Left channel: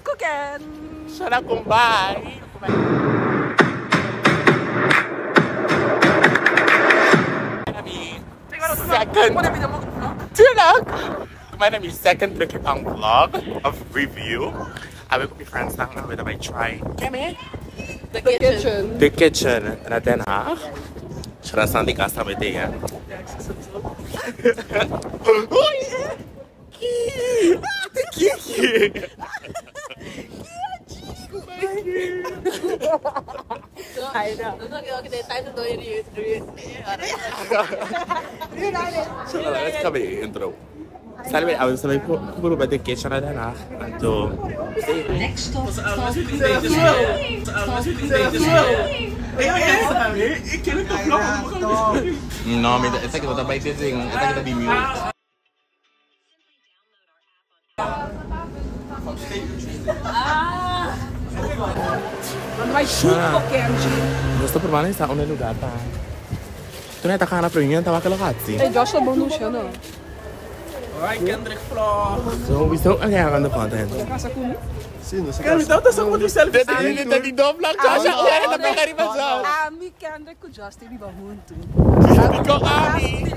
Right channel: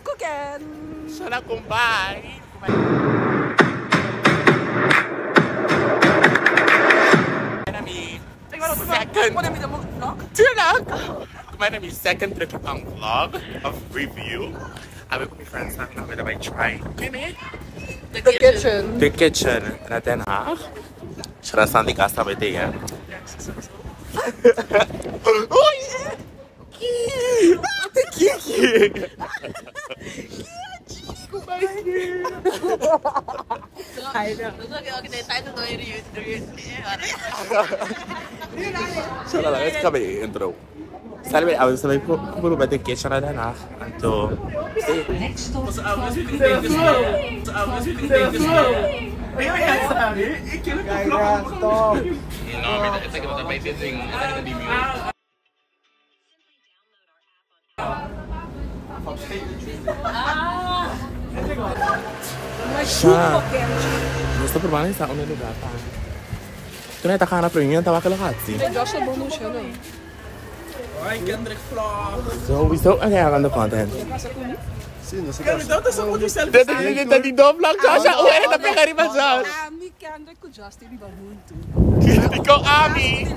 Cooking! Sana kumbay! Second Truk'i Pan vlog of review. Sabi ko, friends lang na I try the kitchen na Den Haag. Siya na di casa ba ito yan? Sana lang, let's come intro. Sabi ko, kung ba the kitchen na Den Haag? Anto, gusto provare sa una lugata. Tu ne taka na premium tawa ka lokazzi. Josh la bonusha, no? Ai, Kendrick vlog. So we still having the content. Sì, non si capisce. Não só quando você Tá de do vlog Josh, ele tá pegando pra Josh. Mi Kendrick com Josh ele vai junto. Ficou ami.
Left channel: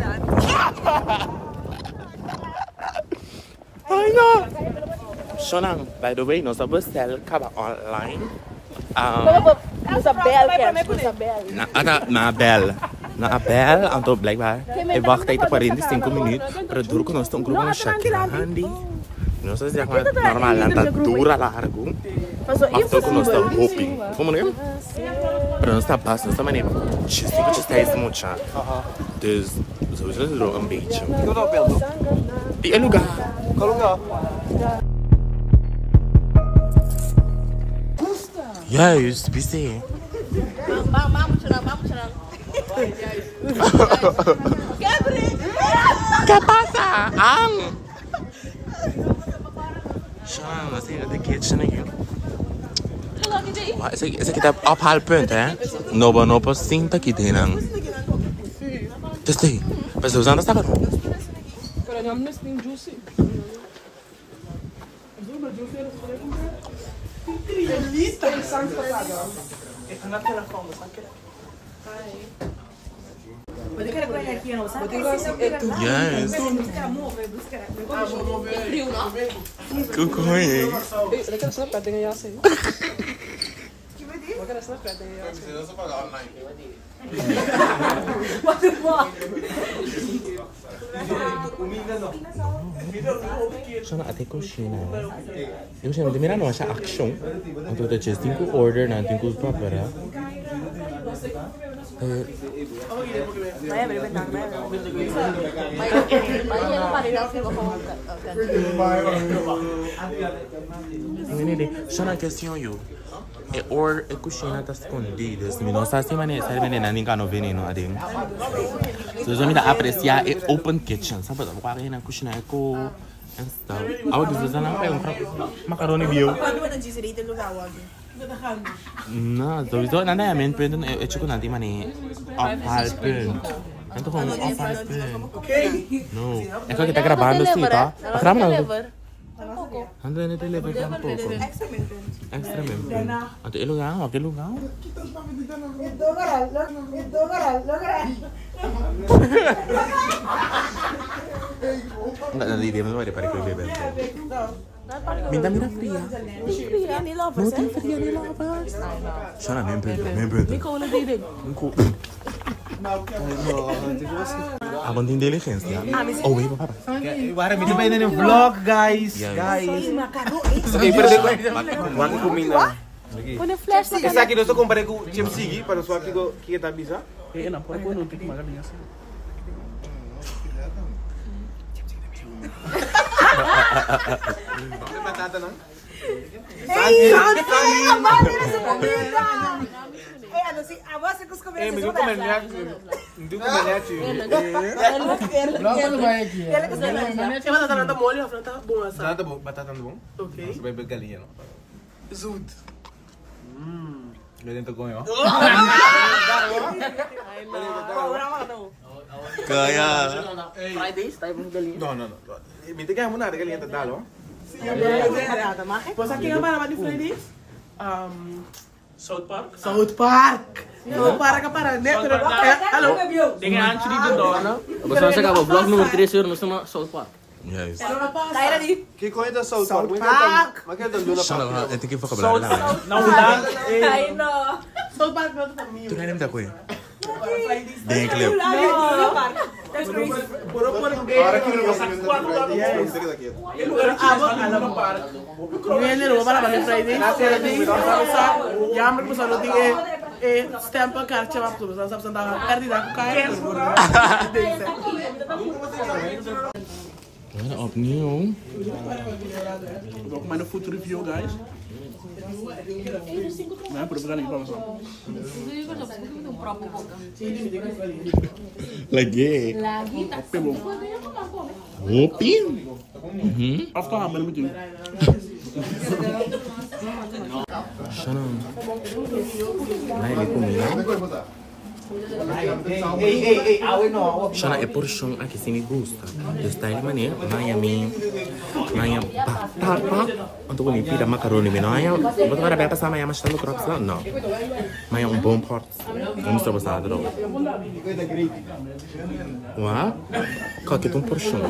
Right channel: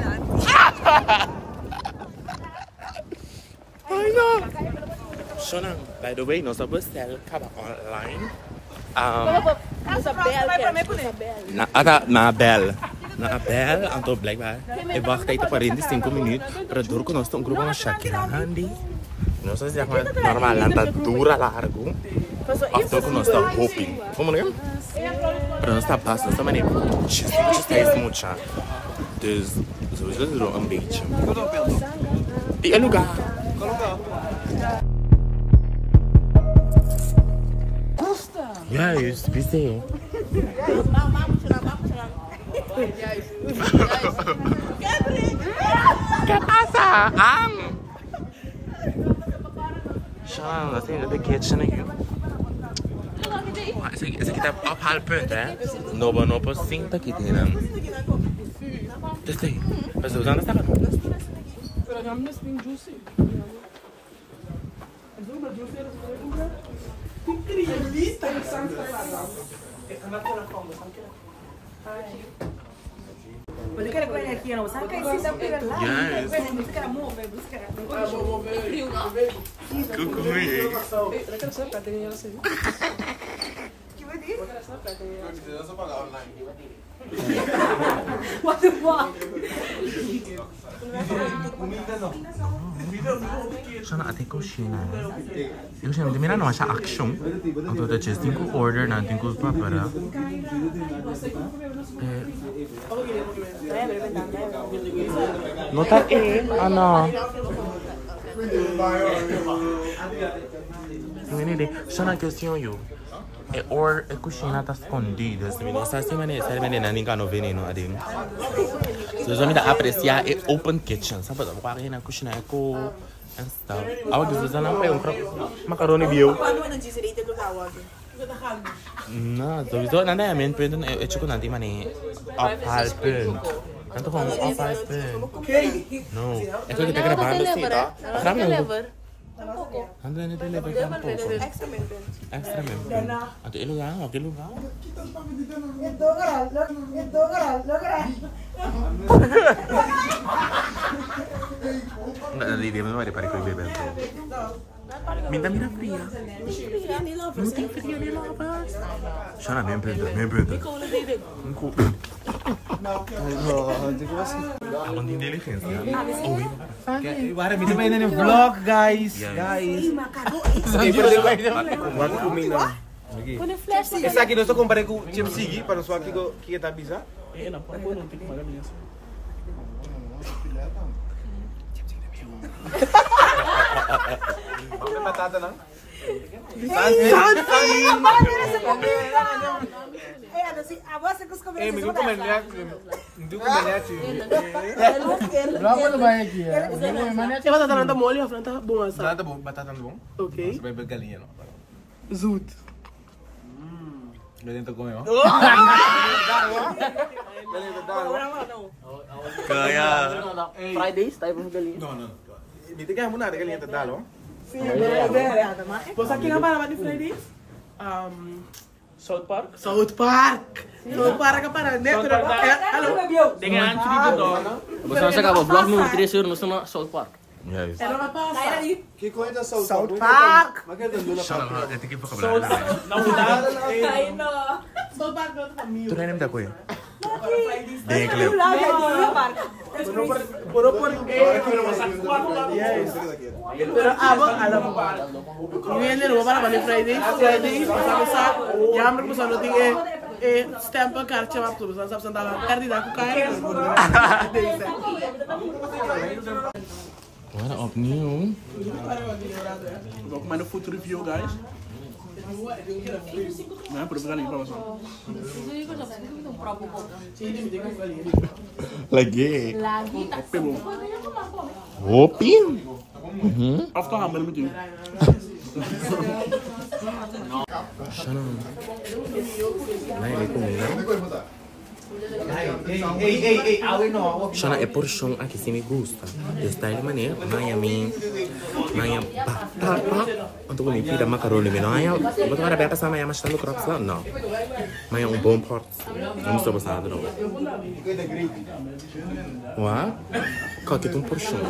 Ai não. Shonang, by the way, nós vamos serka online. Na Abel, anto blijkbaar. Ik wacht even voor in die 5 minuten. Pero duro que nós estamos grupo Shakira handy. Nós zeg maar normal lanta dura largo. After que nós estamos hoping. Como não é? Pero nós está passo, nós estamos nem. Você está esmucha. Dus sowieso is er een beetje. Die lugar. Qual lugar? Juist, busy. ¿Qué pasa? Ang! Siya, nasa yung the kitchen na yun. Isa kita ophalen punt, hè? No po sinta kita yun. Just stay. Mas usando esta barro. Pero não me spin juicy. Delícia, sangue para lá. Mas eu quero comer aqui, não. Sabe que é isso? Eu quero lá. Yes. Eu quero mover, eu quero frio, não? Kukuy. Eu quero saber que tem essa aí. Que vai dizer? Eu quero saber que tem essa. Eu só pagar online. What the fuck? Kuminda não. Siya na ate kusina. Yung siya, hindi na siya action. Ang totoo siya, tingko order na, tingko pa para. Nota? Ano? Yung hindi, siya na question yun. Or kusina ta escondida, assim, não sabe se maneira, sabe maneira, ninguém cano veneno adem. So já me dá apreciar é open kitchen, sabe? Porque aqui na cozinha é co and stuff. Ao dizer já não pega macaroni bio. Quando vai disidi do lugar onde? Não, so wieso nanda ja men punt é tipo nanti mane ophalen. Nanti com ophalen. No, é que kita gravando isso, tá? Não. Ando en el teléfono tampoco. Extra member. Ante el lugar, ¿o qué lugar? Enggak nanti dia memang ada pada kue bebek. Minta mira fria. No tem fria ni lovers. Sana member. Abang din diligência. Oh, ibu para. Agora me também no vlog, guys. Ok, perdeu. Mati kuminda. Essa aqui nós comparei com o Chemsigi para só aqui que está bisa. Não, porque eu não tenho nada minha. Vamos batata não? Me deu comentário. Logo vai aqui. Mas tinha batata na molho, a frente tá boa, sabe? Tá bom, batata tá bom? Ok. Você vai ver galinha, não? Zut. Galinha tá com ó. Kaya. Fridays, tayo mong galinha. Não. Me tem que arrumar a galinha tá dalo. Batata, mag ik? Was aqui nga para ni Fridays? South Park? South Park. South Park ka para. Hallo. Dengan antes di Dona. Basta sa kabo, vlog número 3 yun, no sa South Park. Yes. Era nga pa. Kaya na di. Que coisa South South Park? Park. Mas que Luna Sana Park. ba? Ito yung vocabulary lang. Ay, no. South Park na sa mio. Ito na yung ko eh. Dengan clip. Luna Park. That's crazy. Puro yes. Pero abo alam mo. Ngayon nila wala ba ni Fridays? Fridays, sabi sa yammer ko sa loti stamp ang karche map to. Sa tanga kardi da ko kaya. Wala opnieuw. Vou comer no food review, guys. Não é por pegar nem informação. Lagi. Pegou. Opi. After hammer meeting. Sana. Nah, ini kuminda. Sana é porshon aqui se me gusta. Eu style mania, maya batata. Untuk kami pida macaroni maya. Betul ada berapa sama ya mashá no crops lá? Não. Maya bom pot. Vamos trabalhar atrobe. Wah, kau kita porshon.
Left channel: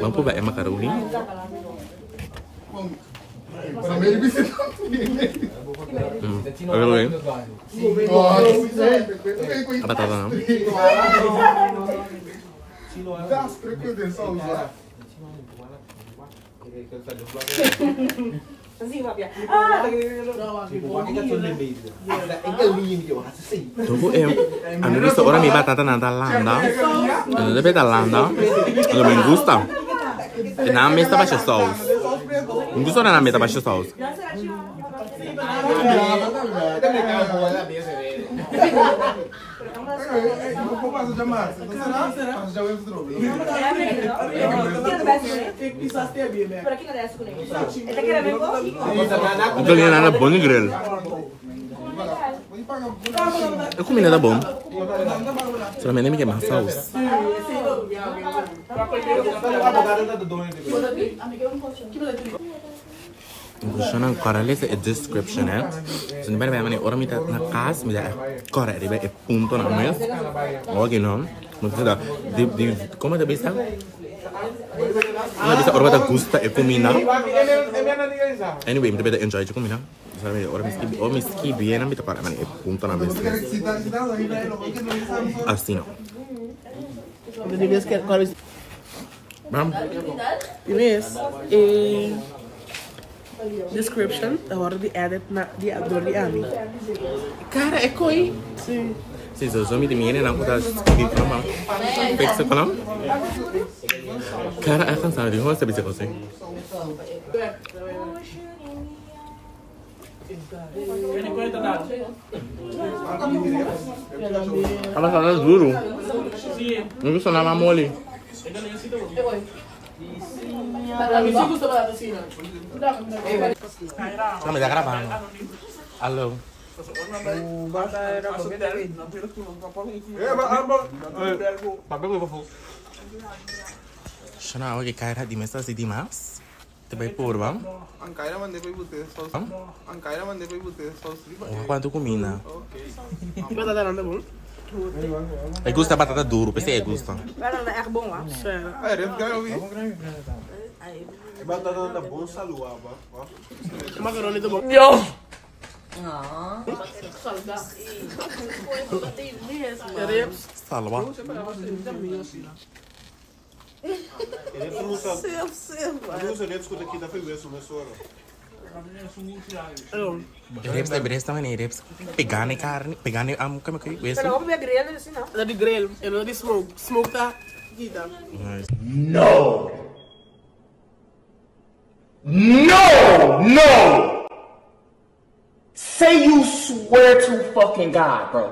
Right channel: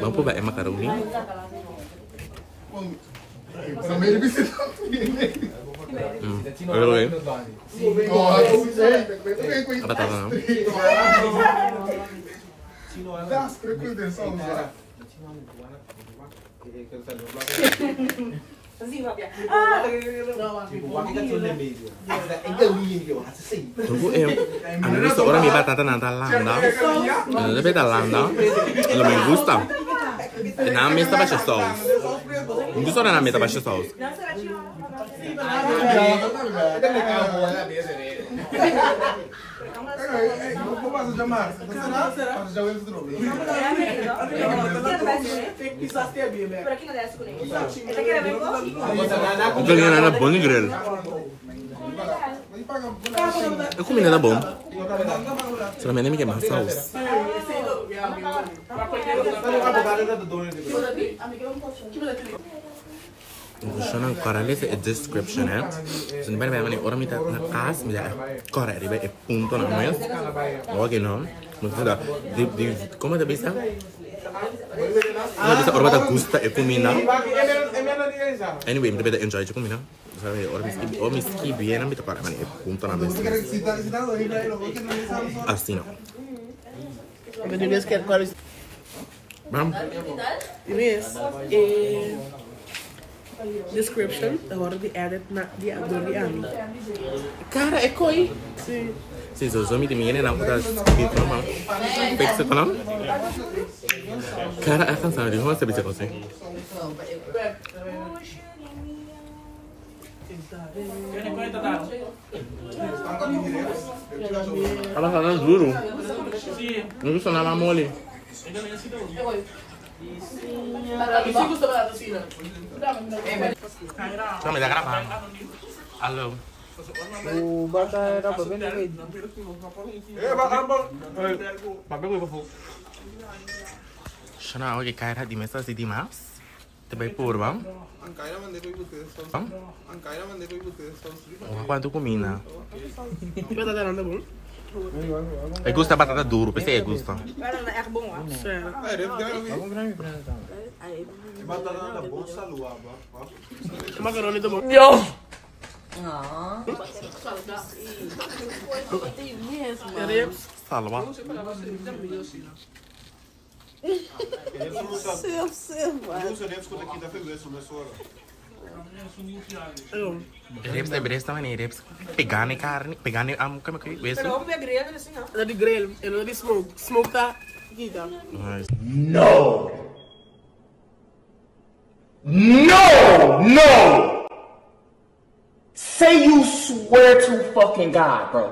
Mampu bae macaroni? Oke. Apa tata? Tunggu anu seorang nih batata nanta landa, anu beta landa, anu me gusta. Na mesa baixa saus. Me gusta na mesa baixa saus. Ito liyan na bom ni grill. Eu comi nada bom. Solamente me queima saus. Gusto ng correlate sa description eh. So di ba naman ni orang minta nakas, minta correct, di ba? Punto na mo yun. Okay no. Maksudnya di como te bisa? Bisa orang minta gusta kuminda. Anyway, minta beda enjoy kuminda. Sabi orang miski bien minta para man punto na bes. Assim não. Bam. Yes. Description, agora de edit na de adoriano. Cara, é coi. Sim. Sim, so mit mir na kuda skin from mam. Perfekto kolam. Cara, akan sana di host bisa kose. Apa sana zuru? Nunggu sana mamoli. Sama dah kenapa? Halo. Sana oke kaya di mesa si Dimas. Tebai purba. Quanto kumina? Batata nanda bom. E gusta batata duro, pensei gusta. Parang na echt bom, ah. Sério. Batata da bolsa lua, ba. Macaroni to bom. Yo! Ribs. Salva. Reps também nem reps. Pegar carne, pegar como que isso? Pero ook weer grillen, dus no. Da di grill, e lo di smoke. Smoke ta kita. No! No! No! Say you swear to fucking God, bro.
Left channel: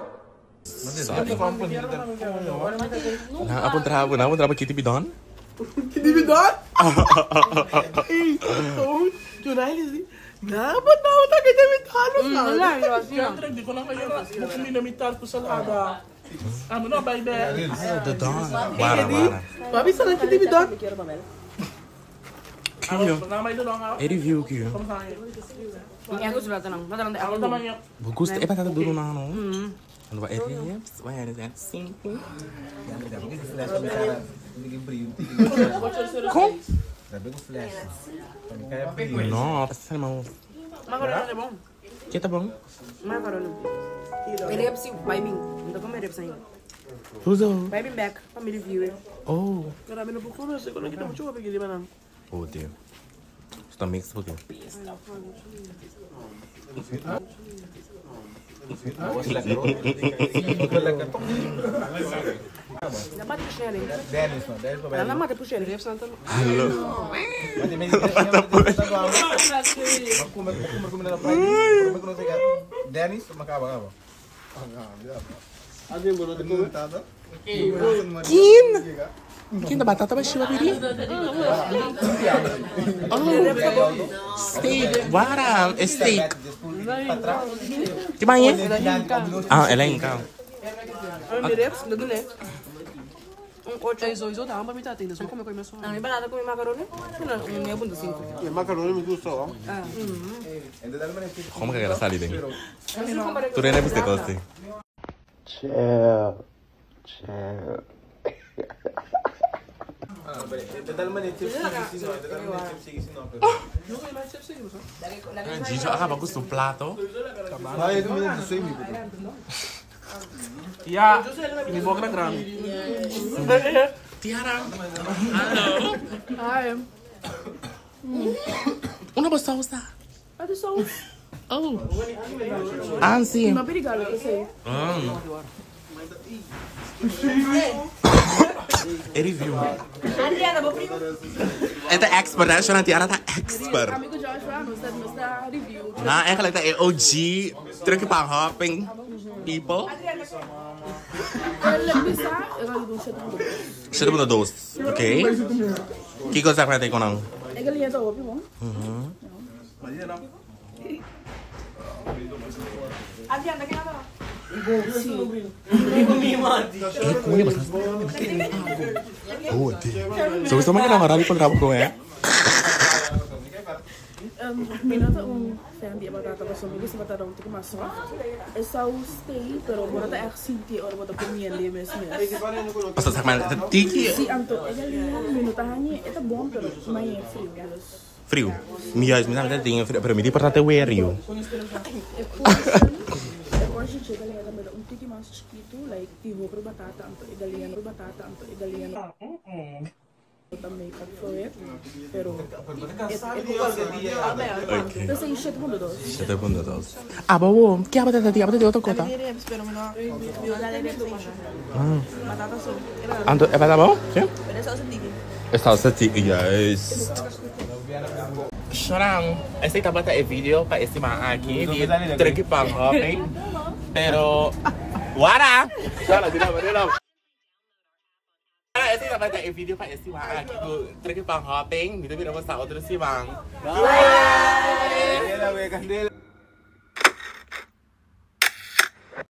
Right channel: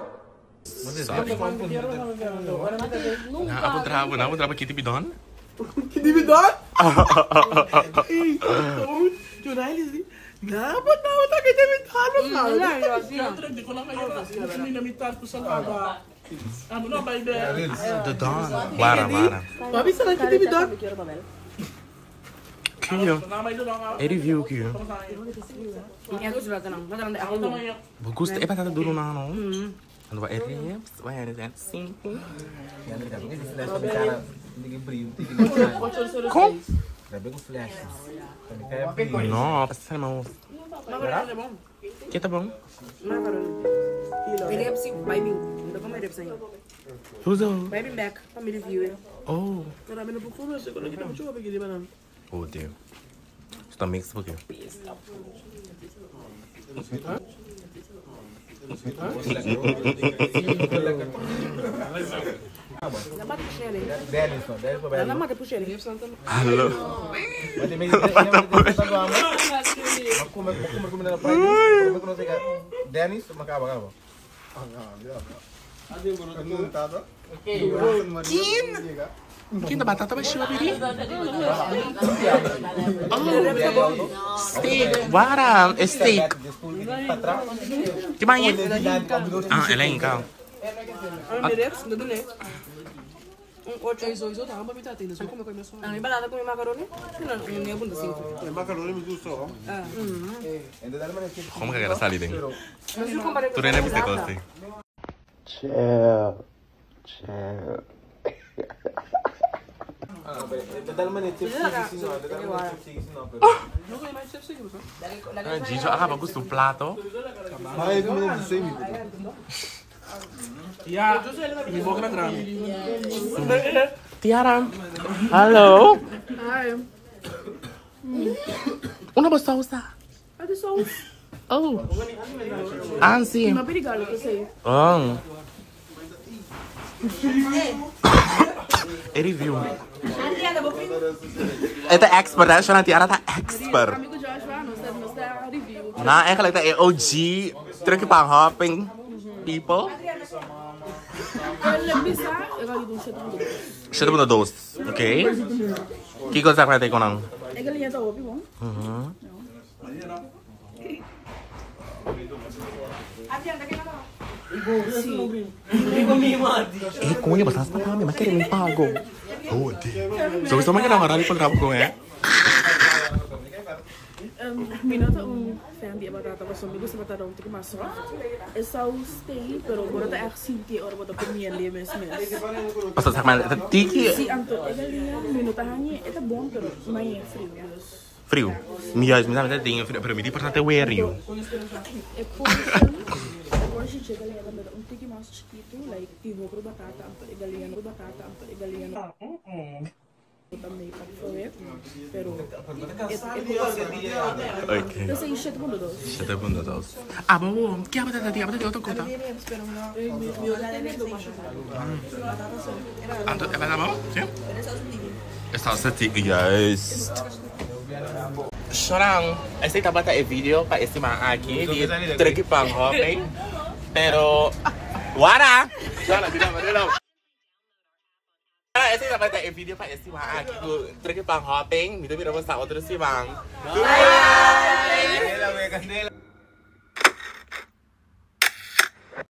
Na apa kita bidon? Kita bidon? Jornalism. Apa kita bidon? Di ko na kayo. Kung minamital ko sa lada. Ano na, baby? Dodon. Wara. Papi, sana kita bidon? Kyo. Review kyo. Aku sudah tenang, nanti aku mau. Bagus tuh, batata dulu nano. Ano ba ribs? Why is that simple? Yang terjadi di flash bicara tinggi beri. Kok? Tapi aku flash. Kan kayak beri. No, pasti saya mau. Macaroni bom. Kita bang? Macaroni. Ribs sih, baby. Untuk kamu ribs aja. Tuzo. Baby back, kami review. Oh. Marami na po ko na. Siguro kita mo chupa pag hindi man. Oh dear. Está mix por quê? Dapat pushing. Dennis, no, Dennis pa ba? Alam mo, pushing. Halo. Mati may Aku kumina na price. Kung kuno sa Dennis, makaba. Kin? Kin na batata ba siya baby? Oh. Steak. Waram, steak. Gimana? Ah, alleen ka. Ano may reps? Doon eh. Ang 8 tama ba may tatin? So kung may mas. Ang iba natin kung may macaroni, may abunda 5. Macaroni me gusto. Como que era salir din? Tu rin na biste kosti. Chill. Gijo, acaba gusto um plato. Ja, mi bok na grami. Tiara. Halo. Hi. Una ba sausa? Ano sauce? Oh. Ansi. Mapirigal ko sa'yo. Oh. Review. Ito expert, siya na Tiara ta expert. Kami ko Joshua, nos da review. Na, eigenlijk de OG Truk'i Pan hopping people. Bisa, eu vou dar um Siya mo na dos. Okay? Kiko sa natin ko nang. É galinha tá óbvio, bom? Kung yung basas pa kami, makinig pa ako. Oh, di. So, gusto mo ka marami pag rabo ko eh? Minota fan di batata pa so migo sa batata um tika mas soft. É só o stay, pero agora tá assim ora bota comendo mes. Basta sa man, tiki Si anto é galinha, minuta haña, é tá bom, pero mais frio. frio. Minha tem frio, pero me di importante é rio. É porshon chega galinha também um tika mais chiquito, like tipo pro batata, anto é galinha no batata, anto é galinha no também para fazer, pero Okay. eu sei 7 pontos dos. 7 puntos dos. Ah, bobo, que apa tadi? Apa tadi outra coisa? Batata só. Anto, é para bom? Sim? É salsa tiki, guys. Chorang, esse tabata é vídeo para esse man aqui de Truk'i Pan hopping, pero wara. Chora, tira merela. Esse tabata é vídeo para esse man aqui do Truk'i Pan hopping, mira vamos a outro esse man. Bye.